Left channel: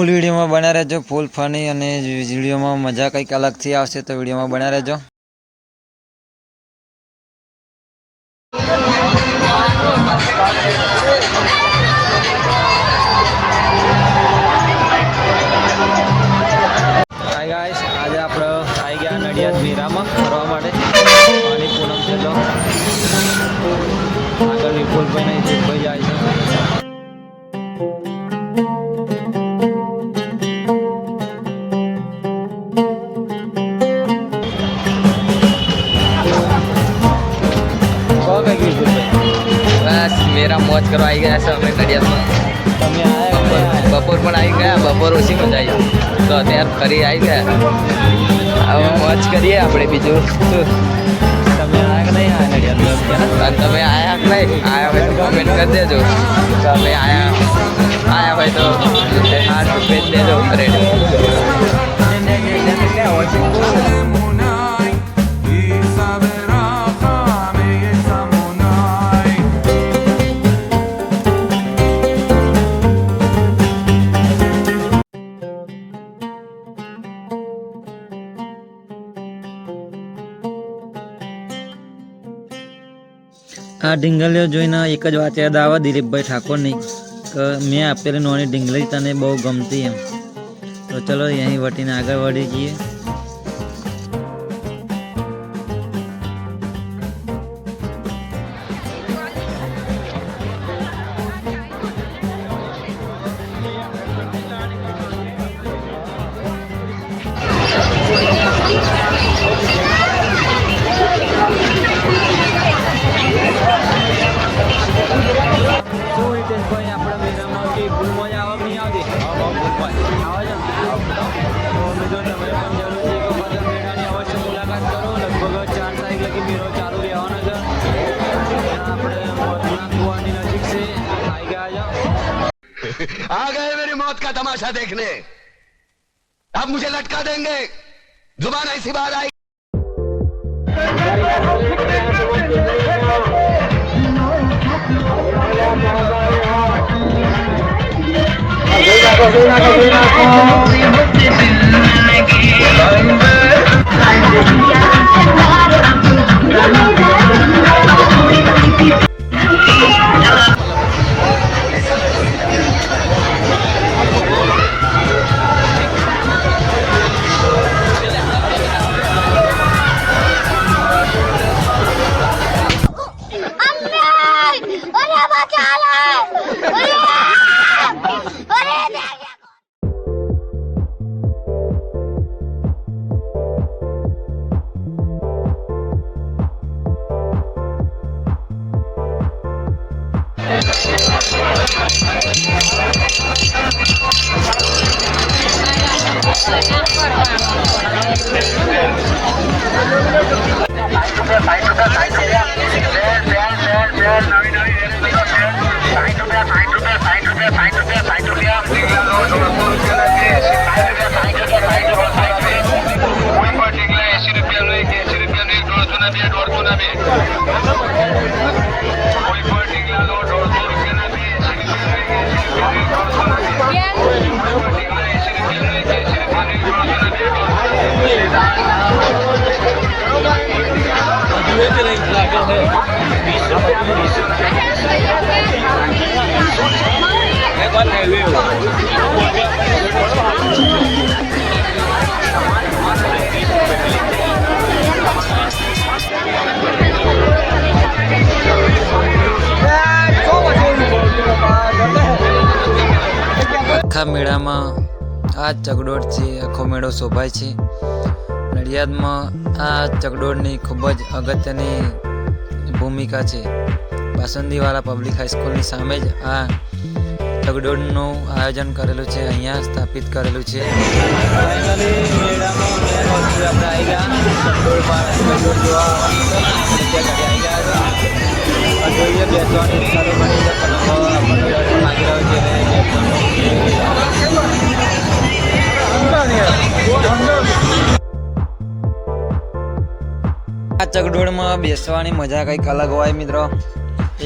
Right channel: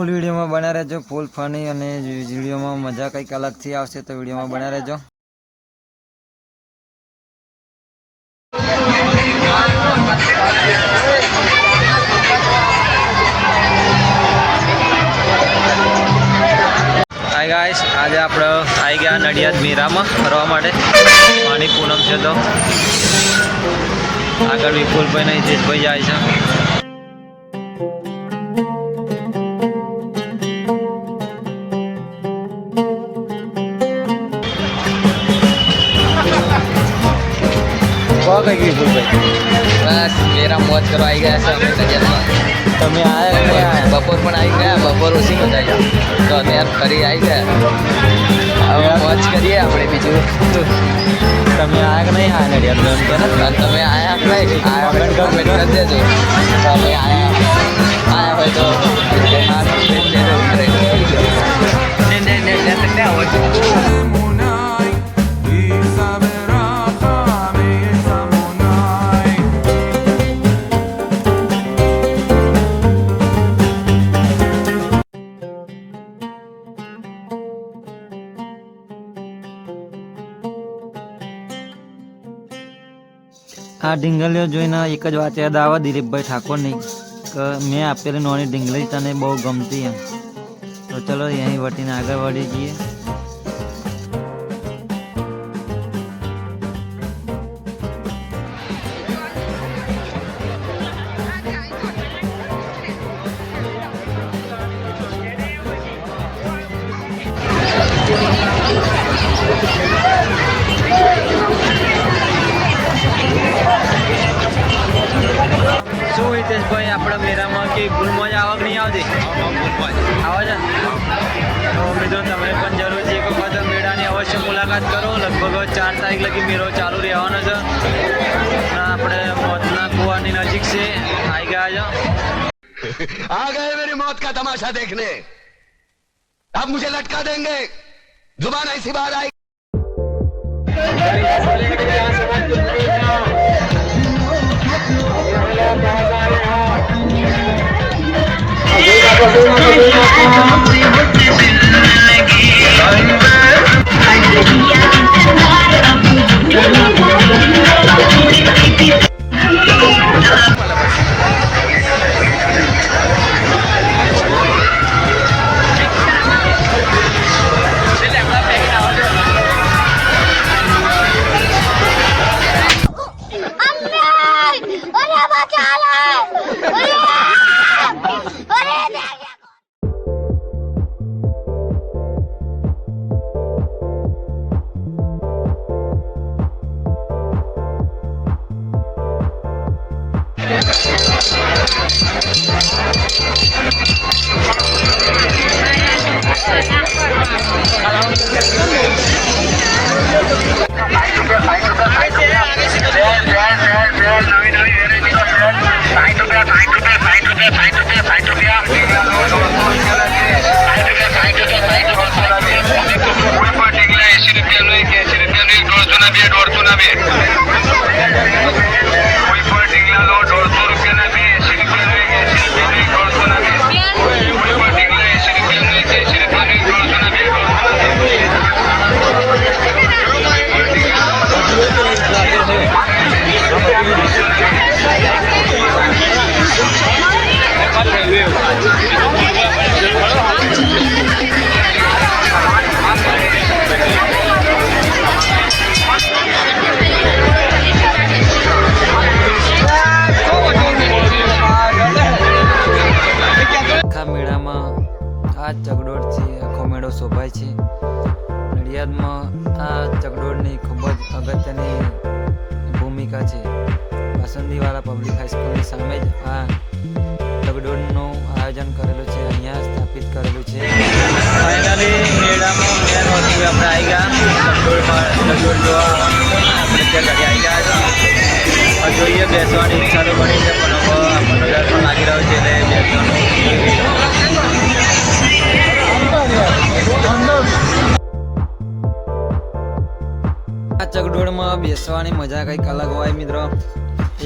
ફૂલ વિડીયોમાં બના રહેજો, ફૂલ ફની અને વિડીયોમાં મજા કંઈક અલગથી આવશે તો વિડીયોમાં બના રહેજો. હાય ગાઈસ, આજે આપણે આવી ગયા નડિયાદ મીરામાં ફરવા માટે. પાણી પૂનમ છે તો આગળ વિપુલભાઈ નહીં જીતભાઈ જાય છે. મેરા મોજ કરવા આવી ગયા છે અમે નડિયાદમાં. તમે આવ્યા બપોર પણ આવી ગયા, બપોર ઓછી મજા આવી તો અત્યારે ફરી આવી ગયા. હવે મોજ કરીએ આપણે. બીજું તમે આવ્યા કે નહીં? હા નડિયાદ તમે આવ્યા નહીં? આવ્યા કરી દેજો. તમે આવ્યા હોય તો આ ઢીંગલીઓ જોઈને એક જ વાત યાદ આવે દિલીપભાઈ ઠાકોરની કે મેં આપેલી નોની ઢીંગલી તને બહુ ગમતી એમ. તો ચલો અહીં વટીને આગળ વળી જઈએ. શું હિતેશભાઈ, આપણે મેરામાં કે ભૂલમાં જ આવક નહીં આવતી? આવે છે તો મિત્રો તમે પણ જરૂરથી એક વખત મેળાની અવશ્ય મુલાકાત કરો. લગભગ 4 તારીખ લગી મેળો ચાલુ રહેવાનો છે. આપણે મોતના કુવાની નજીક છે, આવી ગયા છે. आ गए मेरी मौत का तमाशा देखने. अब मुझे लटका देंगे. जुबान ऐसी बाहर आई. આખા મેળામાં આ ચકડોળ છે. આખો મેળો શોભાય છે. નડિયાદમાં આ ચકડોળની ખૂબ જ અગત્યની ભૂમિકા છે. બાસુંદીવાલા પબ્લિક હાઈસ્કૂલની સામે જ આ ચકડોળનું આયોજન કરેલું છે, અહીંયા સ્થાપિત કરેલું છે. ફાઇનલી મેળામાં મેન વસ્તુ આપણે આવી ગયા. ચકડોળ જોવા આવવાનું છે. આપણે ત્યાં ઘરે આવી ગયા છે. જોઈએ બેસવાની ઈચ્છા તો બની છે, પણ હવે આપણને ડર પણ લાગી રહ્યો છે એટલે બેસવાનું. આ ચકડોળમાં બેસવાની મજા કંઈક અલગ હોય મિત્રો.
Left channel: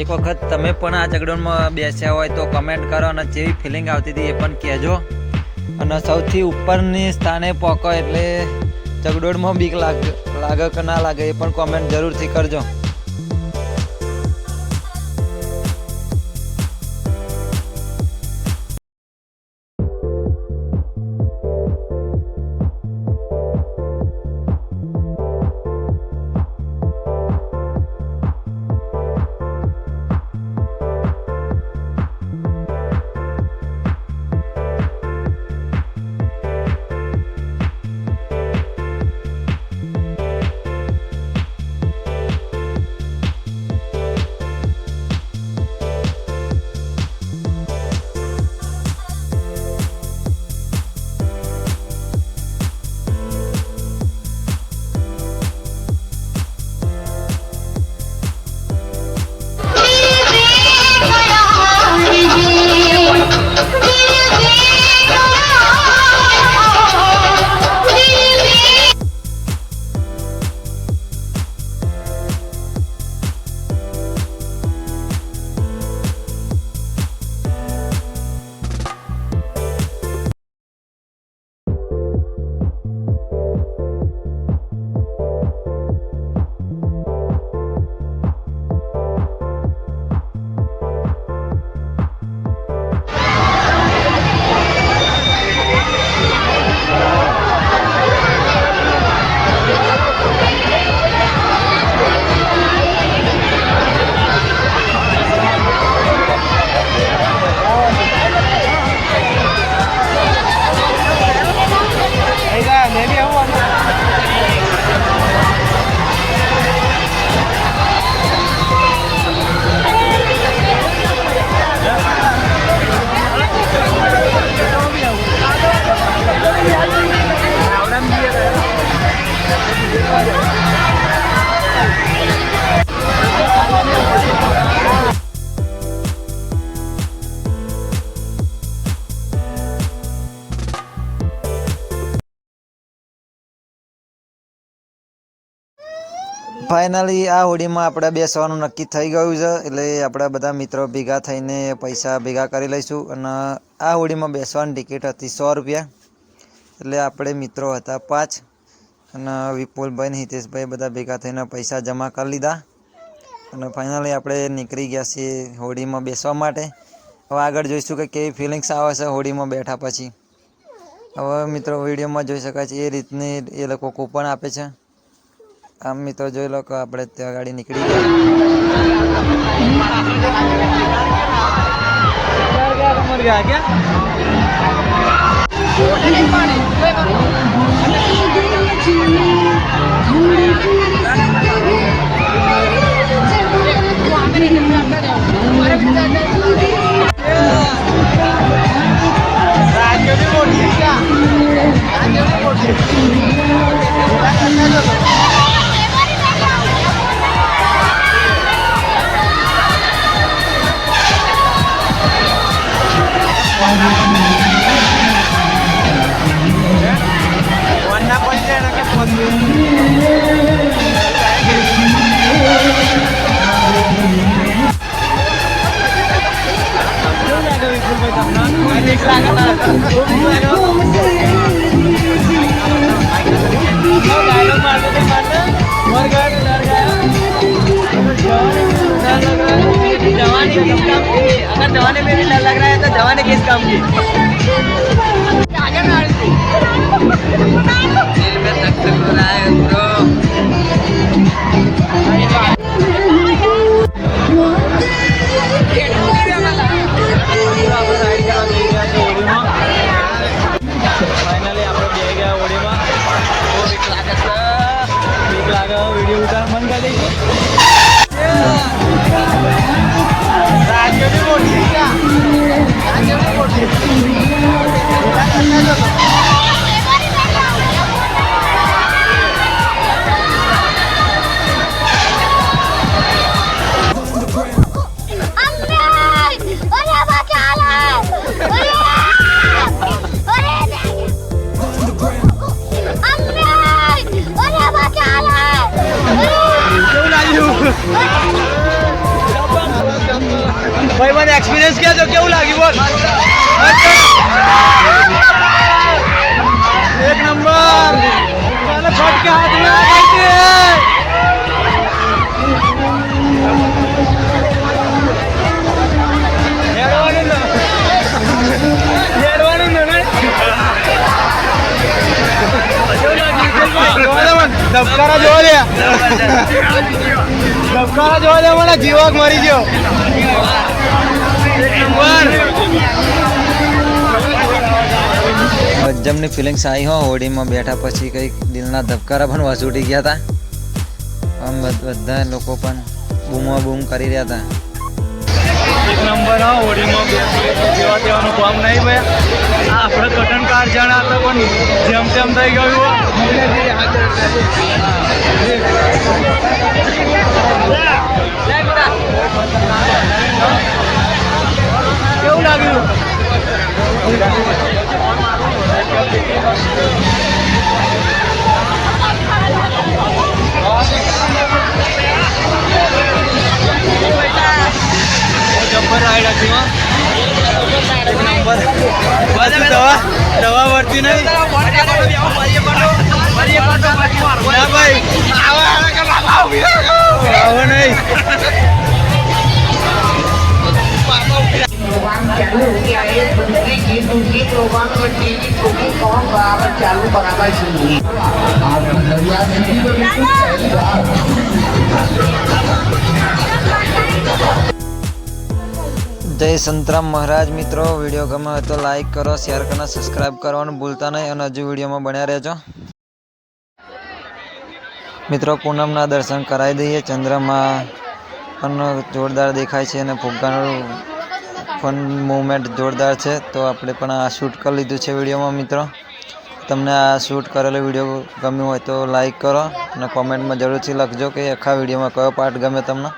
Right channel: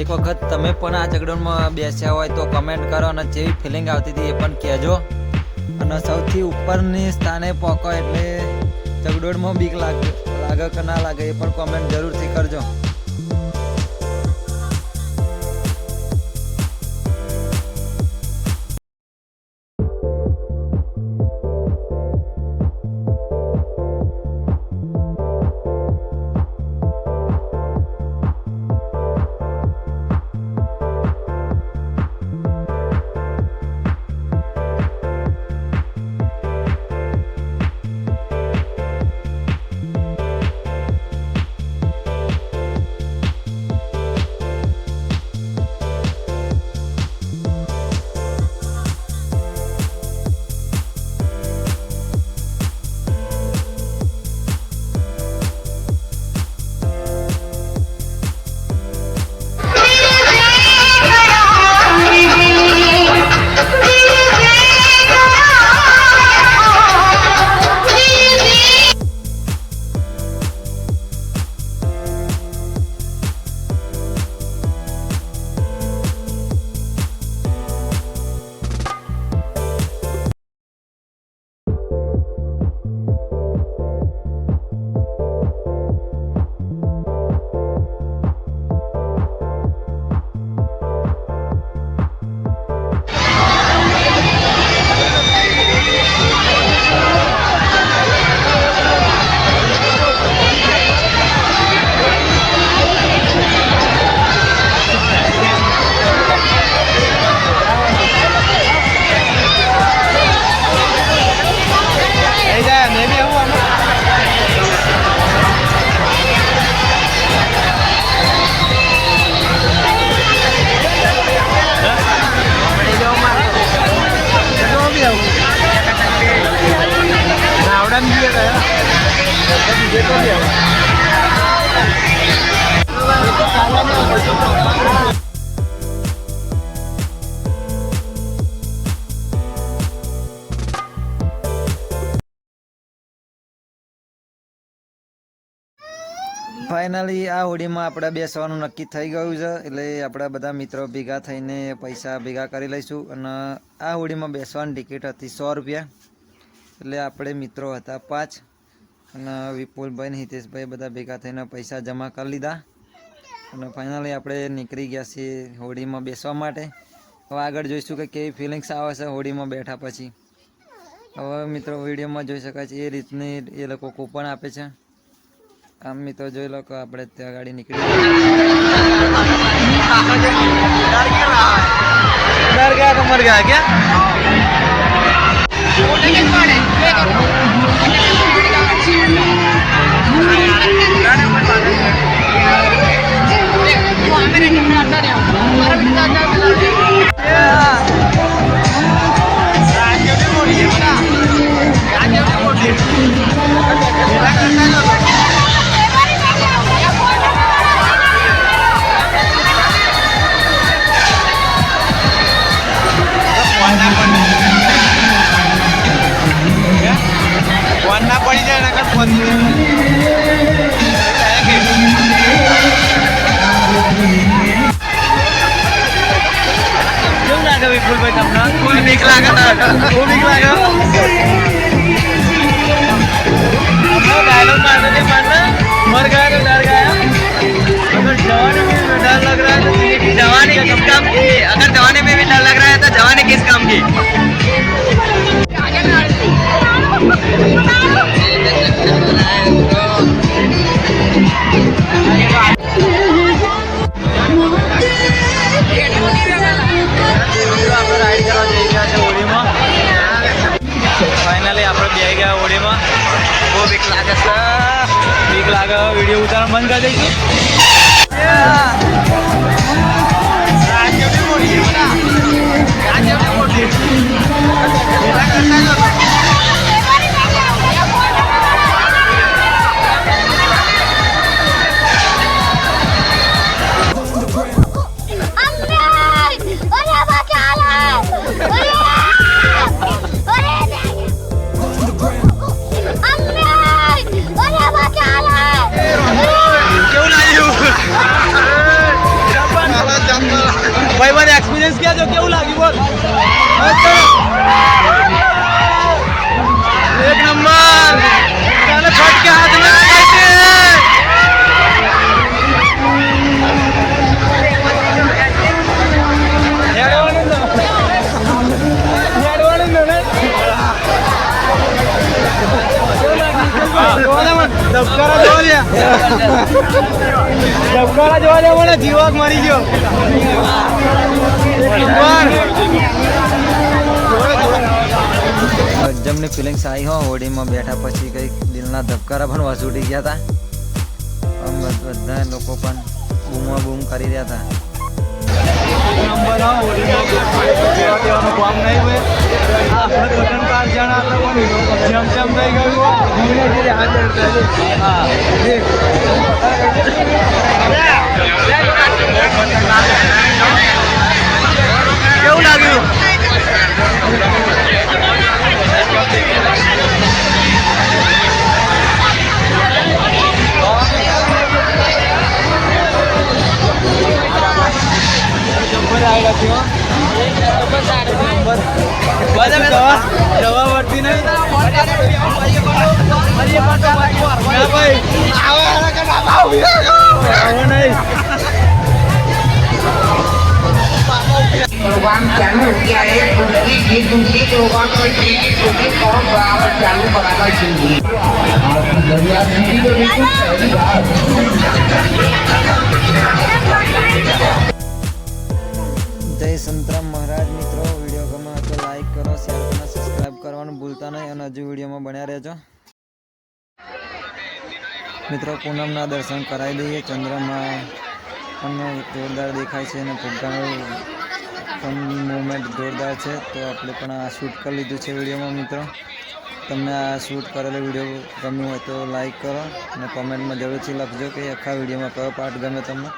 એક વખત તમે પણ આ ચકડોળમાં બેસ્યા હોય તો કમેન્ટ કરો અને જેવી ફિલિંગ આવતી હતી એ પણ કહેજો. અને સૌથી ઉપરની સ્થાને પહોંચો એટલે ચગડોળમાં બીક લાગે કે ના લાગે એ પણ કોમેન્ટ જરૂરથી કરજો. ફાઇનલી આ હોડીમાં આપણે બેસવાનું નક્કી થઈ ગયું છે. એટલે આપણે બધા મિત્રો ભેગા થઈને પૈસા ભેગા કરી લઈશું. અને આ હોડીમાં બેસવાની ટિકિટ હતી 100 રૂપિયા. એટલે આપણે મિત્રો હતા 5 અને વિપુલભાઈ ને હિતેશભાઈ બધા ભેગા થઈને પૈસા જમા કરી લીધા. અને ફાઇનલી આપણે નીકળી ગયા છીએ હોડીમાં બેસવા માટે. હવે આગળ જોઈશું કે કેવી ફિલિંગ્સ આવે છે હોડીમાં બેઠા પછી. હવે મિત્રો વિડીયોમાં જોઈ શકાય છે એ રીતની એ લોકો કૂપન આપે છે. આમ મિત્રો જોઈ લો કે આપણે ત્યાં ગાડી નીકળી ગયા તો મર ગયા ક્યાં વિપુલભાઈ તમને બીક લાગે બહુ બીક લાગે डायलॉग मारते थे मारना मर गया तो डर गया अगर जवानी में डर लग रहा है तो जवानी किस काम की अगर जवानी में भी डर लग रहा है तो जवानी किस काम की राइड करा होड़ीમાં फाइनली આપણે બેહી ગયા હોડીમાં બહુ બીક લાગે વિડીયો ઉતારવા બંધ કરી દઈશું ભાઈ મને એક્સપિરિયન્સ क्या जो કેવું લાગ્યું બોલ ધબકારા જોવા દે મને જીવાક મારી ગયો એક નંબર ગજબની ફિલિંગ્સ આવી હો હોડીમાં બેઠા પછી કંઈક દિલના ધબકારા પણ વસૂટી ગયા હતા. આમ બધા લોકો પણ બૂમો બૂમ કરી રહ્યા હતા. એક નંબર હા હોડીમાં જેવા તેવાનું કામ નહીં ભાઈ આપણે કટન કાર જાણા હતા પણ જેમ તેમ થઈ ગયું કેવું લાગ્યું જબ્બર રાઈડ હતી હો એક નંબર બસ દવા વર્તી નહીં ના ભાઈ આવો નહીં प्रोग्राम चालू हो गया है दूसरी प्रोग्राम में ठीक कौन चालू कराना चाहिए જય સંતરામ મહારાજ. મિત્રો વિડીયો ગમે હોય તો લાઈક કરો, શેર કરો, સબસ્ક્રાઈબ કરવાનું ભૂલતા નહીં અને હજુ વિડીયોમાં બન્યા રહેજો. મિત્રો પૂનમના દર્શન કરાવી દઈએ. ચંદ્રમાં પણ જોરદાર દેખાય છે અને ફુગ્ગાનું પણ મૂવમેન્ટ જોરદાર છે. તો આપણે પણ આ શૂટ કરી લીધું છે વિડીયોમાં. મિત્રો તમને આ શૂટ કરેલો વિડીયો ગમ્યો હોય તો લાઈક કરો અને કોમેન્ટમાં જરૂરથી લખજો કે આખા વિડીયોમાં કયો પાર્ટ ગમે તમને.